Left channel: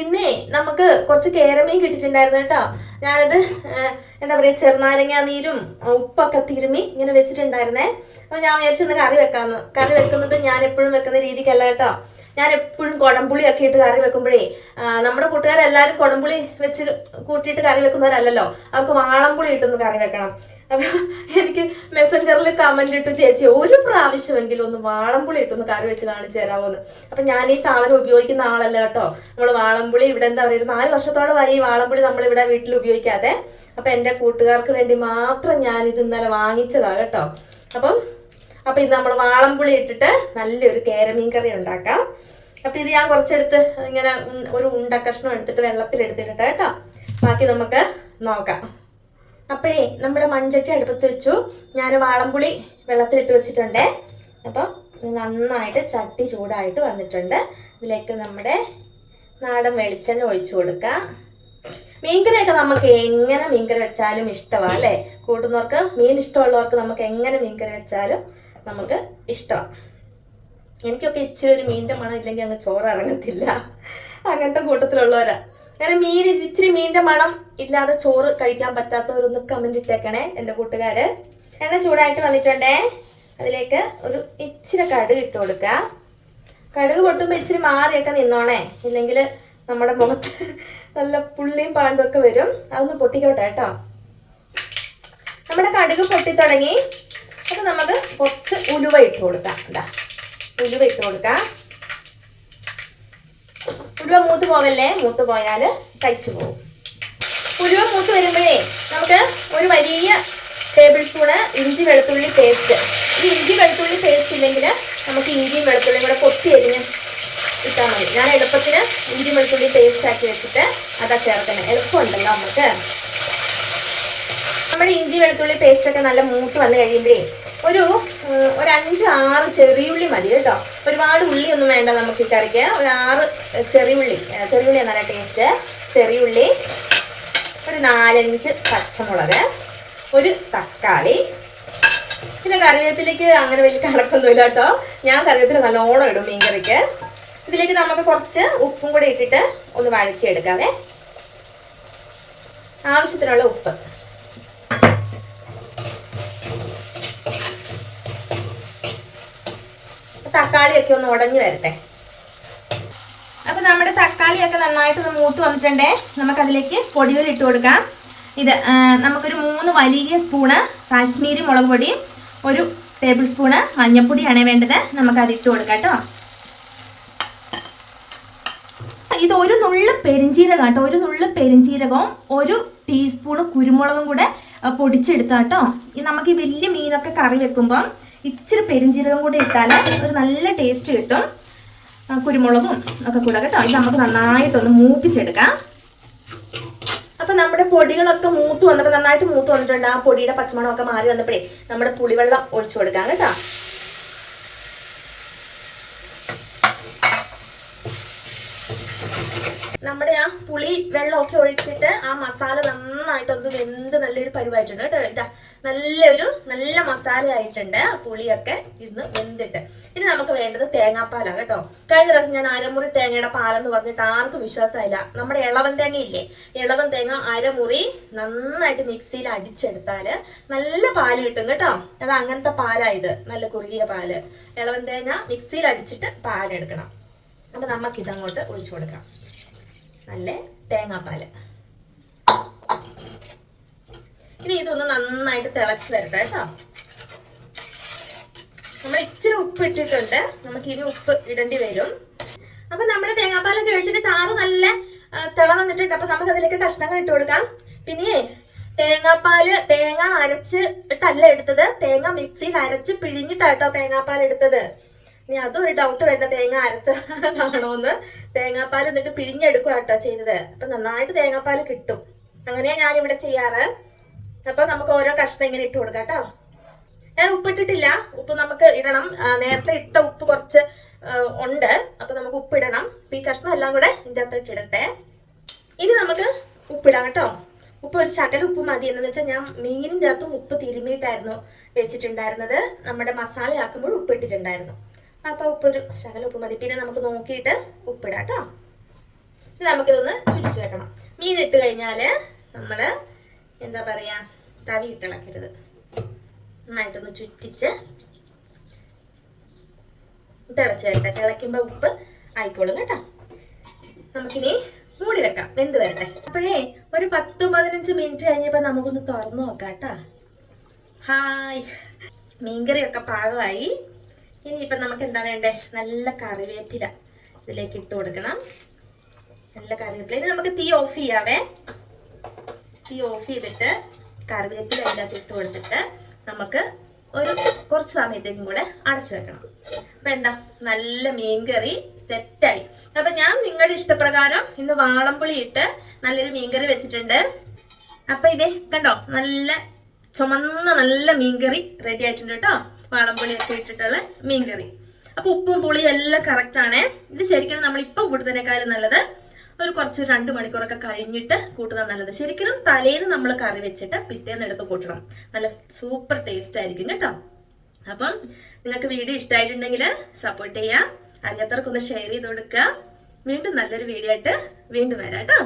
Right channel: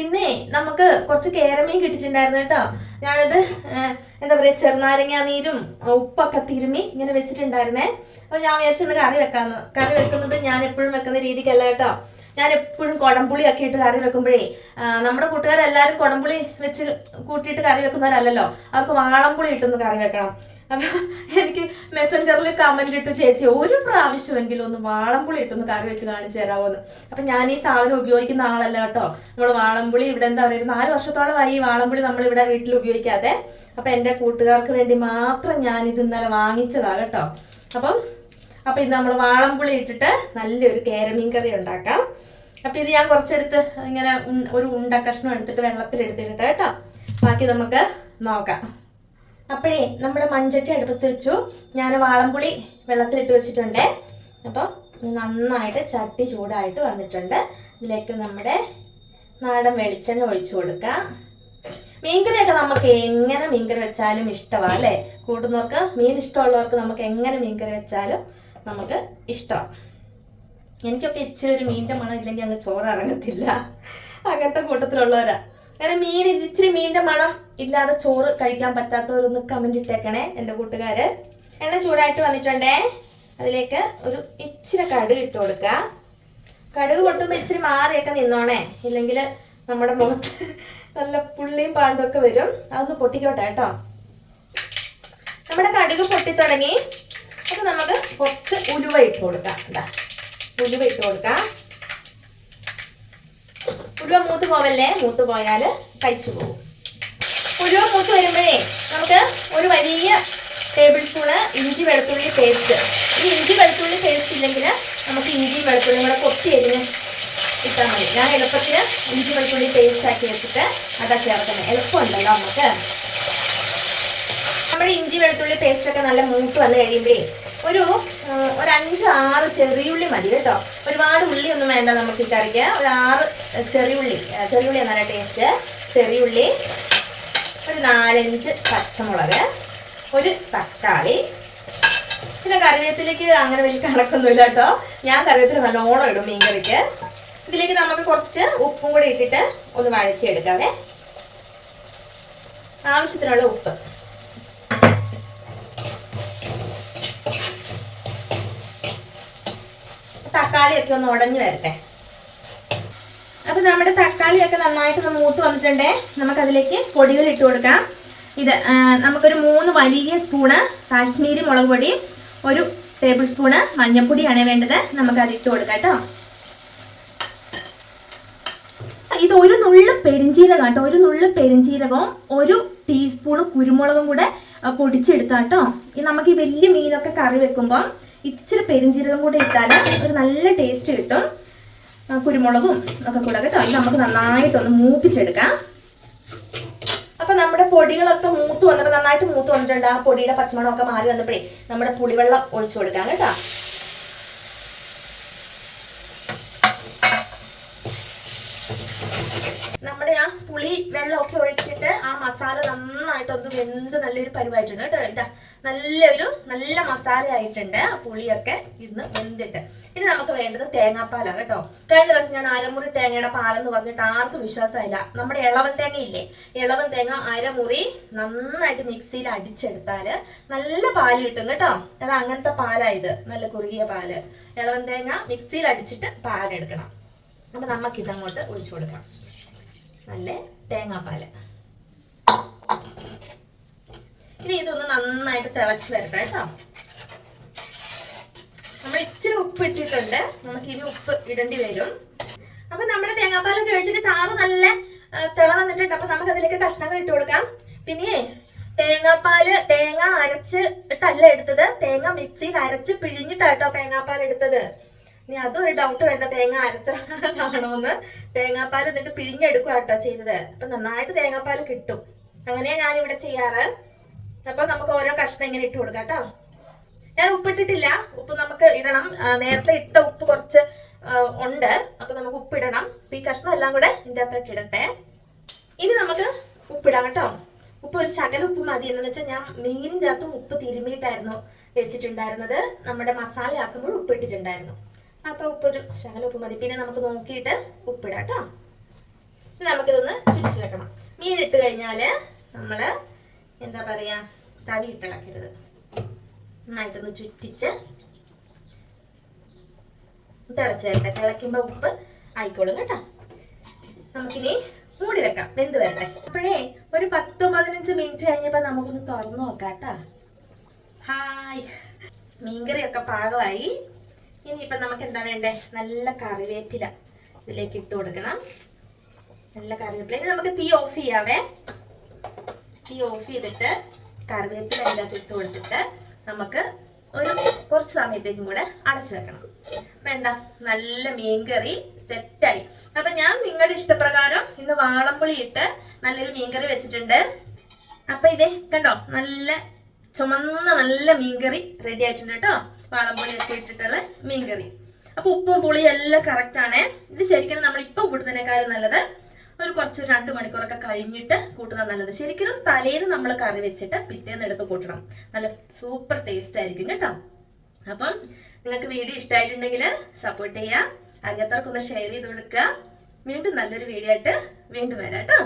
ഇന്നേ നമുക്ക് കുറച്ച് കേരമീൻ കിട്ടിയിട്ടുണ്ടായിരുന്നു കേട്ടോ. ഞാനത് എന്താ പറയുക ചെറുനാരങ്ങ നീരും ഉപ്പൊക്കെ തിരുമ്മി ഇങ്ങനെ വെച്ചിട്ടുണ്ടായിരുന്നേ. അപ്പോൾ ഞാൻ വിചാരിച്ചെന്ന് കറി വെക്കാമെന്ന് കറി വെക്കുന്നത് ഞാൻ എപ്പോഴും വെക്കുന്ന രീതിക്കല്ല കേട്ടോ. ഞാൻ എപ്പോഴും കുടംപുളിയൊക്കെ ഇട്ട് കറി വെക്കുമ്പോഴേ നമ്മുടെ കൂട്ടുകാരെല്ലാവരും കുടംപുളി വെച്ച് കൂട്ടിയിട്ട് കറി വെക്കുന്നവരല്ലല്ലോ. അവർക്ക് വാളംപുളി ഇട്ടൊന്ന് കറി വെക്കണം. അപ്പൊ എനിക്ക് മെസ്സഞ്ചറിൽ കമന്റ് ഇട്ടു ചേച്ചി ഒരു പ്രാവശ്യമെങ്കിലും ഒന്ന് വാളംപുളി ഇട്ടൊന്ന് കറി വെച്ച് കാണിച്ചു തരാമോന്ന് അപ്പൊ ഞാൻ ഈ സാധനം ഉപയോഗിക്കുന്ന ആളല്ല കേട്ടോ. നമ്മൾ വാളംപുളി ഇവിടെ എന്താ പറയുക നാല് വർഷത്തോളമായി ഈ വാളംപുളി നമ്മൾ ഇവിടെ വീട്ടിൽ ഉപയോഗിക്കാതെ. അപ്പൊ എന്റെ കൂട്ടുകാർക്ക് വേണ്ടി മാത്രം ഞാൻ ഇത് ഇന്നലെ വാങ്ങിച്ചതാ കേട്ടോ. അപ്പം അപ്പൊ ഇത് നമ്മൾ വാളംപുളി ഇട്ടിട്ട് നല്ലൊരു കേരമീൻ കറി ഉണ്ടാക്കാം. അപ്പൊ ഇത് ഞാൻ കുറച്ചെടുത്ത് ഇങ്ങനെ ഒരു ഉണ്ട കഷ്ണം എടുത്തിട്ട് വെള്ളത്തിൽ എടുത്തിട്ടിട്ട് കേട്ടോ. ബാക്കി നമുക്ക് നോക്കാം. അപ്പോഴേ നമ്മുടെ മൺചട്ടി അടുപ്പത്ത് വെച്ചു. ഞാൻ വാളംപുളി വെള്ളത്തിലിട്ട് വെച്ചിട്ടുണ്ട്. അപ്പം നന്നായിട്ട് ചട്ടി ചൂടായിട്ട് വന്നിട്ടുണ്ട്. ഇതിലേക്ക് നമ്മുടെ നാടൻ വെളിച്ചെണ്ണ ഒഴിച്ചു കൊടുക്കാം. മീൻകറിയൊക്കെ നമുക്ക് എങ്ങനെ മീൻകറി വെച്ചാലും ഇഷ്ടമാണ് അല്ലേ? കൂട്ടുന്നവർക്ക് മീൻ ഇഷ്ടമുള്ളവർക്ക് നമുക്ക് എങ്ങനെ മീൻകറി വെച്ചാലും നമുക്ക് ഇഷ്ടമാണ് എനിക്കൊക്കെ ഇച്ചിരി ഒരു മീന്റെ മണം ഇല്ലെങ്കിൽ അങ്ങ് ചോറ് ഇറങ്ങത്തില്ല. അങ്ങനത്തെ കൂട്ടത്തിലുള്ളവരാ. അങ്ങനെ മീൻ ഇച്ചിരി മീനിന്റെ മണം ഇല്ലാതെ ചോറ് കഴിക്കാൻ പറ്റാത്തവരൊന്ന് കമന്റ് ഇട്ടേക്കണേ എന്റെ കൂട്ടുകാര്. എണ്ണ ചൂടായിട്ട് വന്നിട്ടുണ്ടേ? അതിലേക്ക് ഒരു ഇച്ചിരി കടുക് ഇട്ട് കൊടുക്കുക കടുക് പൊട്ടുമ്പോൾ ഇച്ചിരി മാറിയൊക്കെ നിന്നോണേ. ഇല്ലെങ്കിൽ നമ്മുടെ മുഖത്ത് നല്ല പുള്ളിയും പാണ്ടൊക്കെ വരും. അതൊന്ന് പൊട്ടിക്കോട്ടെ കേട്ടോ. നമ്മുടെ കടുക് പൊട്ടി തുടങ്ങി. അത് നമുക്ക് കുറച്ച് ഉലുവ ഇട്ട് കൊടുക്കാം. എന്താ ഉലുവ ഇട്ട് കൊടുക്കാം. ഉലുവ മൂത്ത് പോവല്ലേ? മൂത്ത് പോയാൽ കഴിച്ചു പോകും. ഉലുവ മൂത്ത് വരുമ്പോഴേ നമുക്ക് ഒരു വലിയ ടേബിൾ സ്പൂണ് ഇഞ്ചി വെളുത്തുള്ളി പേസ്റ്റ് ഈ ഇഞ്ചി വെളുത്തുള്ളി പേസ്റ്റ് ഇല്ലെങ്കിൽ നമുക്ക് ഇഞ്ചിയും വെളുത്തുള്ളിയും കൂടെ കൊത്തി എരിഞ്ഞ് ഇട്ടാൽ മതി. ഞാൻ എളുപ്പത്തിന് ഇഞ്ചി വെളുത്തുള്ളി പേസ്റ്റ് ആക്കി വെച്ചിട്ട് അതാ ചേർക്കുന്നത് എളുപ്പമുണ്ടല്ലോ നമുക്ക് നമ്മുടെ ഇഞ്ചി വെളുത്തുള്ളി പേസ്റ്റ് ഒക്കെ നല്ല മൂത്ത് വന്ന് കഴിയുമ്പോഴേ ഒരു ഒരു അഞ്ച് ആറ് ചെറിയുള്ളി മതി കേട്ടോ. ഒരുപാട് ഉള്ളി ഒന്നും വേണ്ട നമുക്ക് ഈ കറിക്ക്. ഒരു ആറ് ചെറിയുള്ളി ചെറിയുള്ളി നല്ല ടേസ്റ്റ് ചെറിയുള്ളി ഒരു നാലഞ്ച് പച്ചമുളക് ഒരു തക്കാളി. പിന്നെ കറിവേപ്പിലേക്ക് അങ്ങനെ വലിയ കണക്കൊന്നുമില്ല കേട്ടോ. ഞാൻ കറിവേപ്പില നല്ലോണം ഇടും മീൻ കറിക്ക് ഇതിലേക്ക് നമുക്ക് കുറച്ച് ഉപ്പും കൂടി ഇട്ടിട്ട് ഒന്ന് വഴറ്റിയെടുക്കാവേ ആവശ്യത്തിനുള്ള ഉപ്പ്. തക്കാളിയൊക്കെ ഒന്ന് ഉടഞ്ഞു വരട്ടെ. അപ്പൊ നമ്മുടെ തക്കാളിയൊക്കെ നന്നായിട്ടൊന്ന് മൂത്ത് വന്നിട്ടുണ്ടേ. നമുക്കതിലേക്ക് പൊടികൾ ഇട്ട് കൊടുക്കാം. ഇത് നമുക്കൊരു മൂന്ന് വലിയ സ്പൂണ് കാശ്മീരി മുളക് പൊടി ഒരു ടേബിൾ സ്പൂണ് മഞ്ഞൾപ്പൊടിയാണ് വേണ്ടത്. നമുക്കത് ഇട്ട് കൊടുക്കാം കേട്ടോ. ഇത് ഒരു നുള്ളു പെരിഞ്ചീരകം കേട്ടോ. ഒരു നുള്ളു പെരിഞ്ചീരകവും ഒരു ടീസ്പൂണ് കുരുമുളകും കൂടെ പൊടിച്ചെടുത്താട്ടോ നമുക്ക് ഈ വലിയ മീനൊക്കെ കറി വെക്കുമ്പം ഇച്ചിരി പെരിഞ്ചീരകം കൂടി ഇട്ടാൽ ഒരു നല്ല ടേസ്റ്റ് കിട്ടും. കുരുമുളകും ഒക്കെ കൂടെ കേട്ടോ. ഇത് നമുക്ക് നന്നായിട്ടൊന്ന് മൂപ്പിച്ചെടുക്കാം. അപ്പൊ നമ്മുടെ പൊടികളൊക്കെ മൂത്ത് വന്നപ്പോൾ നന്നായിട്ട് മൂത്ത് വന്നിട്ടുണ്ട്. ആ പൊടിയുടെ പച്ചമണമൊക്കെ മാറി വന്നപ്പോഴേ നമ്മുടെ പുളിവെള്ളം ഒഴിച്ചു കൊടുക്കാം കേട്ടോ. നമ്മുടെ ആ പുളി വെള്ളമൊക്കെ ഒഴിച്ചിട്ട് ആ മസാല നന്നായിട്ടൊന്ന് വെന്ത് നല്ലൊരു പരിവായിട്ടുണ്ട് കേട്ടോ. ഇതാ നല്ലൊരു നല്ല മസാല ആയിട്ടുണ്ട് പുളിയൊക്കെ ഇന്ന് വെന്തിട്ട്. ഇനി നമുക്ക് വേണ്ടത് തേങ്ങാപ്പാലാണ് കേട്ടോ. കഴിഞ്ഞ ദിവസം ഞാൻ അരമുറി തേങ്ങയുടെ പാലെന്ന് പറഞ്ഞിട്ട് ആർക്കും വിശ്വാസമില്ല നമ്മുടെ ഇളവൻ തേങ്ങ ഇല്ലേ ഇളവൻ തേങ്ങ അരമുറി നന്നായിട്ട് മിക്സിയിൽ അടിച്ചെടുത്താൽ നല്ല പാൽ കിട്ടും കേട്ടോ. അത് അങ്ങനത്തെ പാലായത് നല്ല കുറുകിയ പാൽ. ഇളവൻ തേങ്ങ മിക്സിയിൽ അടിച്ചിട്ട് പാലെടുക്കണം. അപ്പൊ നമുക്ക് ഇതങ്ങോട്ട് ഒഴിച്ചു കൊടുക്കാം. നല്ല തേങ്ങാപ്പാൽ. ഇനി ഇതൊന്ന് നന്നായിട്ട് തിളച്ച് വരട്ടെ കേട്ടോ. നമ്മൾ ഇച്ചിരി ഉപ്പ് ഇട്ടിട്ടുണ്ട്. നമുക്ക് ഇനി ഉപ്പ് ഇടേണ്ടി വരും. അപ്പൊ നമ്മുടെ തേങ്ങാപ്പാലൊക്കെ കഴിച്ചിട്ട് ചാറ് നല്ല തിള വന്നിട്ടുണ്ട്. അപ്പൊ നമുക്ക് അതിലേക്ക് കഷ്ണങ്ങൾ ഇട്ട് കൊടുക്കാം. പിന്നെ തേങ്ങാപ്പാൽ തേങ്ങ അരച്ച് ഇട്ടല്ല എടുത്തത്. തേങ്ങ മിക്സിയിൽ അരച്ച് പിഴിഞ്ഞിട്ടാട്ടോ തേങ്ങാപ്പാൽ എടുത്തത്. ഇനി അതും ഒരു ഡൗട്ട് വേണ്ട. തേങ്ങ അരച്ചതാണോന്ന്. തേങ്ങാപ്പാൽ എന്നിട്ട് പിഴിഞ്ഞെടുക്കുക കേട്ടോ ചെയ്തത്. അപ്പൊ നന്നായിട്ട് തേങ്ങാപ്പാൽ കിട്ടും. അങ്ങനെയാ ഞാൻ ഇവിടെ ചെയ്യാറ്. അപ്പൊ നമുക്ക് ഓരോ കഷ്ണം ഇങ്ങനെ ഇട്ട് കൊടുക്കാം കേട്ടോ. ഞാൻ ഉപ്പിട്ടിട്ടില്ല ഉപ്പ് നമുക്ക് ഇടണം. നേരത്തെ ഇട്ട ഉപ്പ് കുറച്ച് ഉണ്ട്. അപ്പൊ നമുക്ക് ഉപ്പിടണം ഈ കഷ്ണം എല്ലാം കൂടെ ഇതിന്റെ അകത്തോട്ട് ഇടട്ടെ. ഇനി നമുക്ക് ഉപ്പിടാം കേട്ടോ. ഉപ്പ് ഒരു ശകല ഉപ്പ് മതി. എന്ന് വെച്ചാൽ ഞാൻ മീനിന്റെ അകത്തും ഉപ്പ് തിരുമിയിട്ടായിരുന്നു വെച്ചിട്ടുണ്ടായിരുന്നത്. നമ്മുടെ മസാല ആക്കുമ്പോൾ ഉപ്പിട്ടിട്ടുണ്ടായിരുന്നു അപ്പൊ ഉപ്പ് ഒരു ശകല ഉപ്പ് മതി. പിന്നെ നമുക്ക് നോക്കിയിട്ട് ഉപ്പിടാം കേട്ടോ. നമുക്കിതൊന്ന് ചുരിച്ചു വെക്കണം. മീൻ ഇട്ട് കഴിഞ്ഞാൽ നമ്മൾ എന്താ പറയാ തവി ഇട്ടിളക്കരുത്. നന്നായിട്ടൊന്ന് ചുറ്റിച്ച് തിളച്ച് വരട്ടെ. തിളയ്ക്കുമ്പോ ഉപ്പ് ആയിക്കോളും കേട്ടോ. നമുക്കിനി മൂടി വെക്കാം. വെന്ത് വരട്ടെ. അപ്പോഴേ ഒരു പത്ത് പതിനഞ്ച് മിനിറ്റ് കഴിഞ്ഞപ്പോ നമുക്കൊന്ന് തുറന്നു നോക്കാം കേട്ടാ. ഹായ്. മീൻകറിയൊക്കെ പാകമായി. ഇനിയിപ്പം നമുക്ക് എന്താ വേണ്ടേ? നല്ല കറിവേപ്പില ഇതിലേക്ക് ഇട്ട് കൊടുക്കണം. നല്ല കറിവേപ്പില. ഇനി നമുക്ക് തീ ഓഫ് ചെയ്യാവേ. തീ ഓഫ് ചെയ്തിട്ട് കറിവേപ്പില അതിനകത്ത് ഇട്ട് കൊടുത്തിട്ട് നമുക്ക് ഒരു കുറച്ച് സമയത്തേക്കും കൂടെ അടച്ചു വെക്കണം. അപ്പൊ എന്താ? നല്ല മീൻകറി സെറ്റായി അപ്പൊ ഞാൻ നിങ്ങളുടെ ഇഷ്ടപ്രകാരം ഇന്ന് വാളംപുളി ഇട്ട് നല്ലൊരു മീൻകറി വെച്ചിട്ടുണ്ട്. അപ്പൊ ഇതേ കണ്ടോ? നല്ല ചുമന്ന നല്ല മീൻകറി റെഡി ആയിട്ടുണ്ട് കേട്ടോ. വാളംപുളി ഒക്കെ ഇട്ടിട്ടുള്ള മീൻകറി അപ്പൊ ഉപ്പും പുളിയും എല്ലാം കറക്റ്റ് ആണേ. ഇത് ശരിക്കും നമ്മൾ ഇപ്പം കൂട്ടുന്നതിനേക്കാളും നല്ലത് ഒരു കുറച്ച് രണ്ട് മണിക്കൂറൊക്കെ കഴിഞ്ഞിട്ട് കൂട്ടുന്നത് നല്ലത്. ശരിക്കും തലേന്ന് നമ്മൾ കറി വെച്ചിട്ട് പിറ്റേന്ന് എടുത്ത് കൂട്ടണം. നല്ല സൂപ്പർ ടേസ്റ്റ് ആയിരിക്കും കേട്ടോ. അപ്പം നിങ്ങൾക്ക് വീഡിയോ ഇഷ്ടമായിട്ടുണ്ടെങ്കിൽ സപ്പോർട്ട് ചെയ്യുക അറിയാത്തവർക്കൊന്ന് ഷെയർ ചെയ്ത് കൊടുക്കുക. വീണ്ടും നല്ലൊരു വീഡിയോ ആയിട്ട് വീണ്ടും വരാം കേട്ടോ.